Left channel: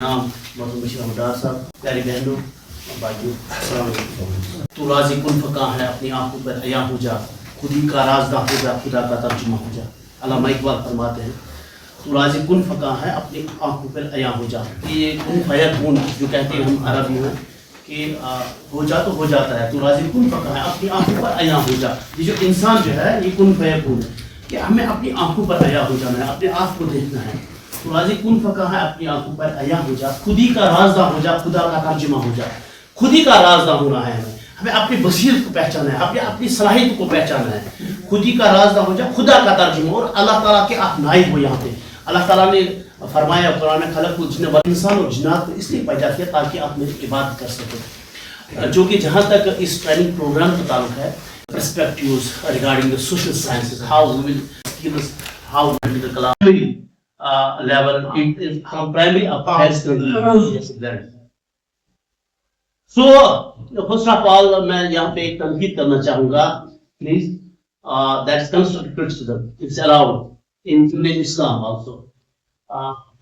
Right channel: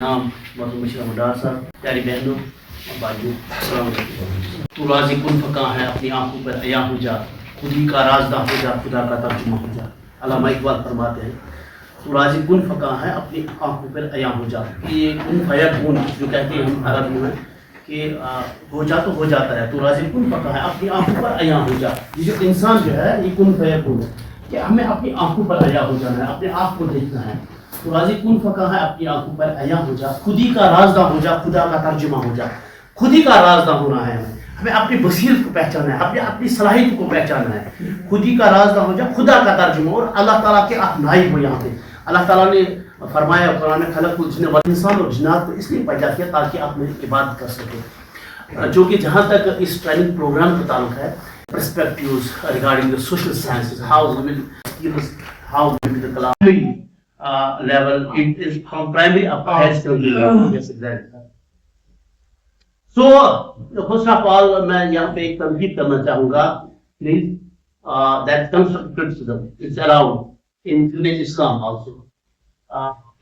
नाम मोहम्मद बशीर अहमद साहब, प्यारी बहनों और भाइयों, अस्सलाम वालेकुम। तू राज़ी कुन फ़क़ा है, अपनी आंखों पर अया हो जा, खुदी का राज़दा हो जा, खुदा का तर्जुमा हो जा। अल्लामा इकबाल फरमाते हैं तू राज़ी कुन फ़क़ा है, अपनी आंखों पर अया हो जा। ये कुन फयकून जो कहते हैं हम अरबी में कि हो जा तो हो जाता है। तू राज़ी कुन फ़क़ा है, अपनी आंखों पर अया हो जा। ये जो इंसान जो है ये कुन फयकून है कि हमें अपनी आंखों पर अया हो जाना है, अपने आप को देखना है। तो राज़ी कुन फ़क़ा है, अपनी आंखों पर अया हो जा, खुदी का राज़दा हो जा, खुदा का तर्जुमा हो जा। खुदी का राज़दा होना है हमें अपनी बसीरत को पहचाना है, अपनी अपनी सलाहियत को पहचाना है। खुदी का राज़दा हो जा, खुदा का तर्जुमा, और अल्लाह ताला के आप नाइब हो। यहाँ पे अल्लाह ताला ने फरमाया कुरान में, खलक़ुल जिन्न वल इंसान, और जिन्नात को इसलिए पैदा किया ताकि आप मेरी इबादत कर सकें। जो कि जहाँ तक इस ट्रेनिंग प्रोग्राम का ताल्लुक है, perspectives regarding the social sciences, how we will skills, how we will class level, it is from primary up to high secondary level. Yes, exactly. So first of all, मैं यहाँ पे एक तनकीद करना चाहूँगा, please. That's constructive criticism. It's allowed in Islam also.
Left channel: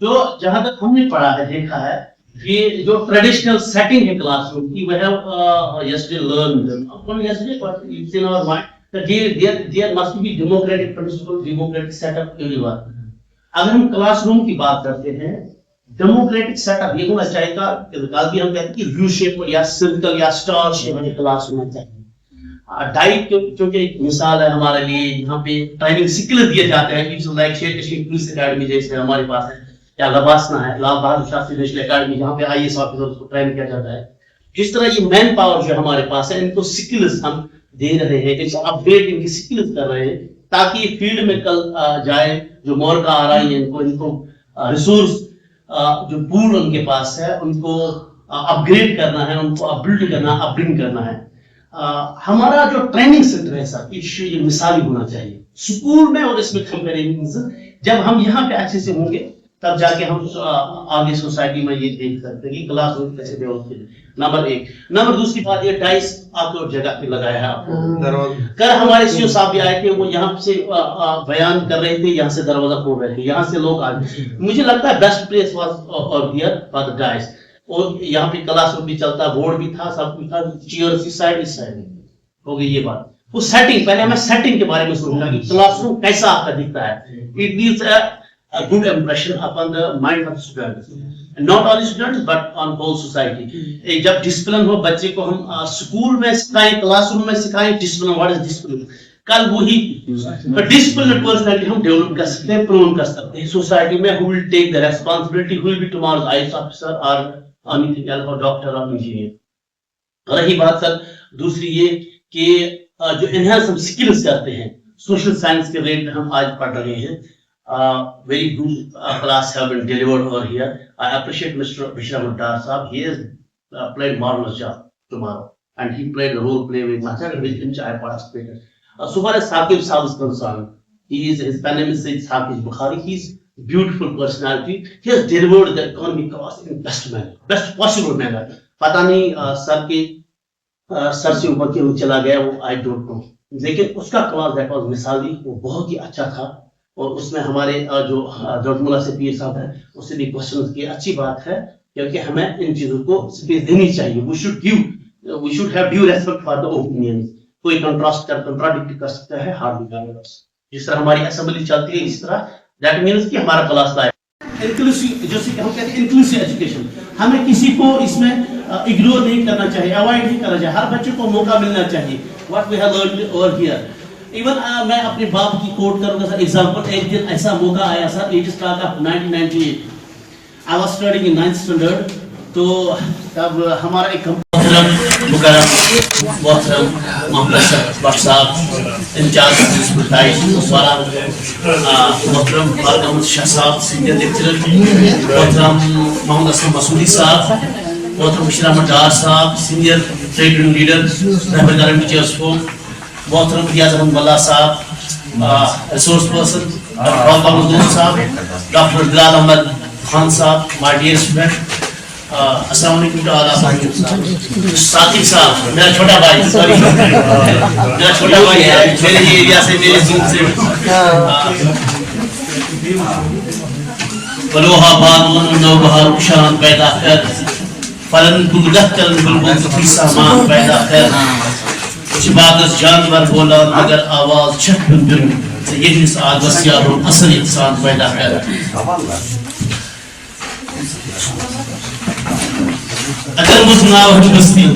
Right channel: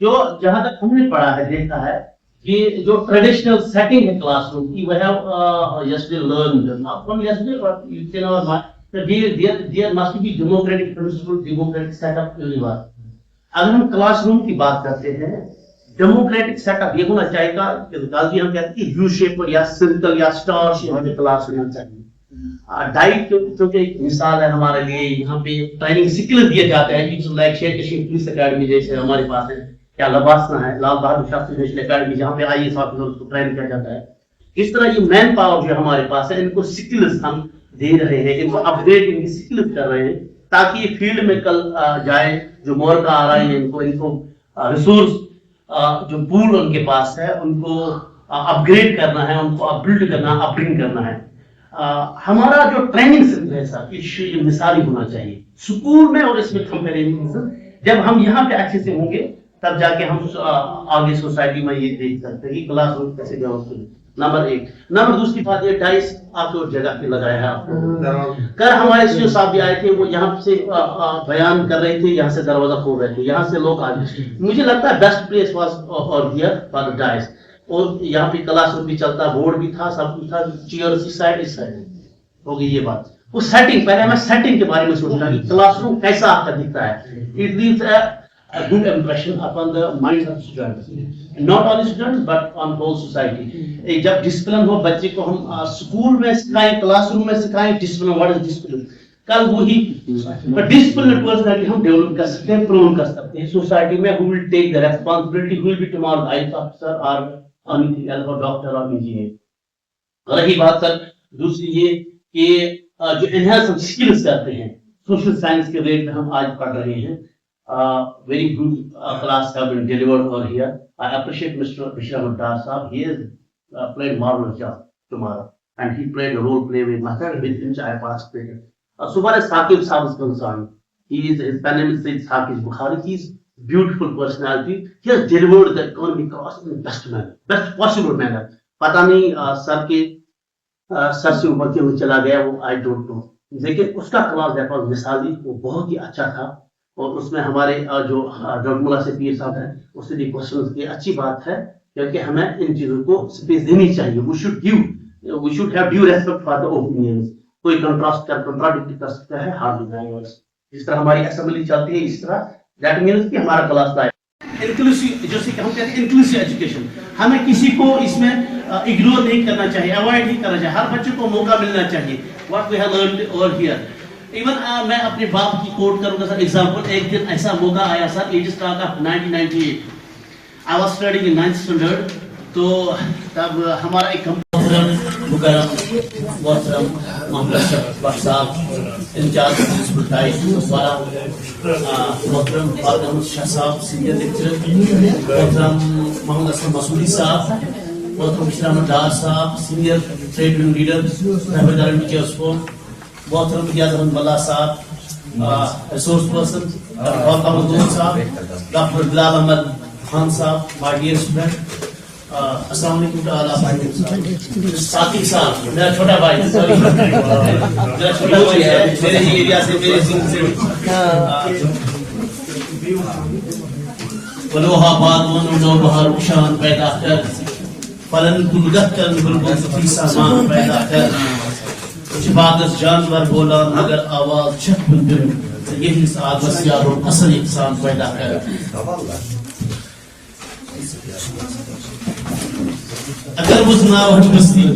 जो जहाँ तक हमने पढ़ा है, देखा है, ये जो ट्रेडिशनल सेटिंग है क्लासरूम की, we have yesterday learned, not from yesterday, but it's in our mind that there must be democratic principle, democratic setup everywhere. अगर हम क्लासरूम की बात करते हैं, डेमोक्रेटिक सेटअप ये होना चाहिए। कल भी हम कहते हैं कि यू शेप या सर्कल या स्टार शेप में क्लास होना चाहिए। डाइट क्योंकि एक मिसाल है हमारे लिए, यहाँ पे ट्रेनिंग स्किल दिए जाते हैं, like share Kashmir police academy जैसे हमारे पास है, या लबासना है, लाल बहादुर शास्त्री नेशनल अकेडमी, जहाँ पे IAS ऑफिसर्स को ट्रेन किया जाता है। जिस तरह ये मैन पावर जो हमारे पास है, इनको स्किल्स हम दे रहे हैं, इनको अपग्रेड इनकी स्किल्स कर रहे हैं, ताकि ये फील्ड में कल जाए। जो मौका आ रहा है, इनको रिसोर्स जो पूल उनके पास है, उनको अपग्रेड करना है, उनको अपबिल्ड करना, अपब्रिंग करना है। हमारा जो ट्रेनिंग सेंटर है सर, ये मिसाली होना चाहिए स्कूल में, और इसमें कंपेरिजन जब हम यहाँ पे अच्छे से होंगे, तब जाके हम आगे सोसाइटी में ये देख सकते हैं कि क्लासरूम कैसे डेवलप करें। नंबर एक। नंबर दूसरी बात, ये टाइल्स आपको जगह पे लगाया है आपको। कल हमारे सीओ साहब भी आए थे, वो यहाँ से बयान कर रहे थे, यहाँ से दरवाजा खोल रहे थे, यहाँ से लोग आ गए। मुझे लगता है बेस्ट प्लेस वाज और हियर फॉर द टाइल्स, और यहाँ पे क्लासरूम भी चलता, बोर्ड भी था, सब कुछ था, चेयर इस साइड हो गई ये बात। वो सेटिंग, पहले हमें सेटिंग के बारे में सोचना कि क्लासरूम कैसा आपका दिखता है। It leaves a good impression upon the minds of students, not only students but on whole society. एक जब डिसिप्लिन हो, बच्चे को हम स्कूल में सिखाएं, क्लासरूम में सिखाएं डिसिप्लिन, व्हाट इज डिसिप्लिन, कल वही डिसिप्लिन पर्सनालिटी हम डेवलप कर सकते हैं, प्रोन कर सकते हैं सोसाइटी में। who will take the responsibility, who will be tomorrow's IAS officer or anything else, or doctor or engineer। रही बात सर दूसरी ये कि जो इनहेंस हम स्किल्स करते हैं, सोशल साइंस के रेट में हम आज पढ़ रहे हैं। Very good class have been delivered over here. I appreciate Mr. Bashir Ahmad Dar Saab. He has played marvelous job tomorrow, and he played a role play with method with which I participated. So far as Saqib Saab is concerned, his pen name is Sayyid Saqib Bukhari. He's beautiful personality. He has delivered the economic class in best manner, best possible manner. पता नहीं sir से ऊपर क्यों चला गया, वो I don't know. लेकिन उसका क्लास देखा मिसाली, वो बहुत ही अच्छा था। और उसमें हमारे जो डॉक्टर से पीर साहब है, उससे भी क्वेश्चन किए। अच्छी बात है, क्योंकि हमें इन चीजों को स्पेस देनी चाहिए। We should have due respect for the opinions. कोई कंट्राडिक्ट कर सकता है हार्डली लैंग्वेज। जिस तरह हमारी असेंबली चलती है, इस तरह दैट मींस कि हमारा क्लास लाइफ इंक्लूसिव, जो हम कहते हैं इंक्लूसिव एजुकेशन। हमें किसी को इसमें इग्नोर नहीं करना चाहिए, अवॉइड नहीं करना चाहिए, हर बच्चे को मौका मिलना चाहिए। What we have learned over here. Even मैं अपने बाप की कोट करूंगा सर एग्जांपल। एक दिन ऐसा मौका आया sir, it is start of 1998, I was studying in 9th standard. तो तब हमारा एक मोहतरम मोहम्मद साहब इंचार्ज मोहतरम फारूक अहमद शाह साहब सीनियर लेक्चरर, मोहतरम मोहम्मद असलम मसूदी साहब, मोहतरम Bashir Ahmad Dar sahab senior trade union leader, Rahbar teachers को, मोहतरम Riyaz Ahmad Malla sahab resource person, doctor sahab, doctor Bilal Ahmad Khan sahab, my dear student, अस्सलाम वालेकुम। साकिब साहब मेरा छोटा भाई, सॉरी मेरा छोटा भाई है, मेरे ये एरिया से, मेरे जिन से। वलोहा बानून नौबहार शान पैदा कर फलन गुलगहतल बुलबुल की सामान पैदा कर जिबादस जानवर बोला मगर आवाज छठ बिन से यही साल वसियारो असल इंसान पैदा कर अगर मुझनाव हम बस्ती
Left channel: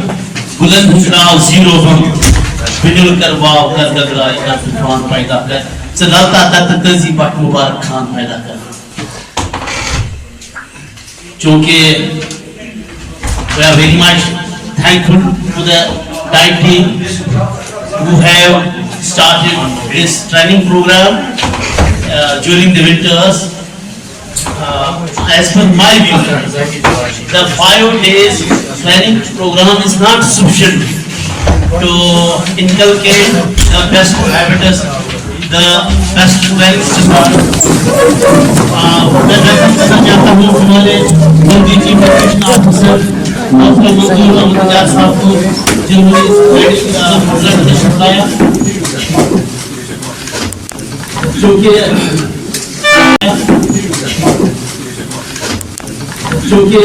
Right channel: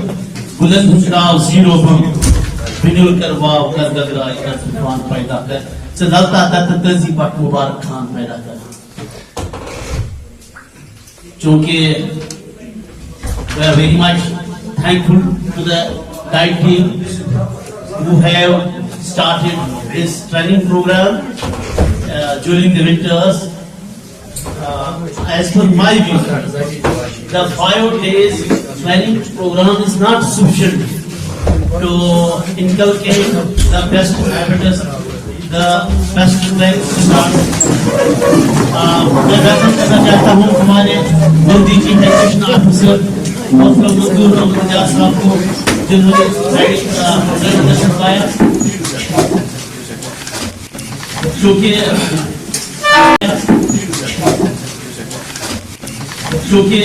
बुलंद चुनाव जीरो हम बिजुल करवाव कर गगराई का तूफान पैदा कर सदाता तत तजी पाक मुबारक खान पैदा कर क्योंकि we are very much thankful to the Tide team who have started this training program during the winters. As per my view, the 5 days training program is not sufficient to inculcate the best habits, the best training system. मैं करना चाहता हूँ हमारे DG professional officer doctor मंजूर अहमद साहब को जिन्होंने इस प्रोग्राम में सिखाया जो कि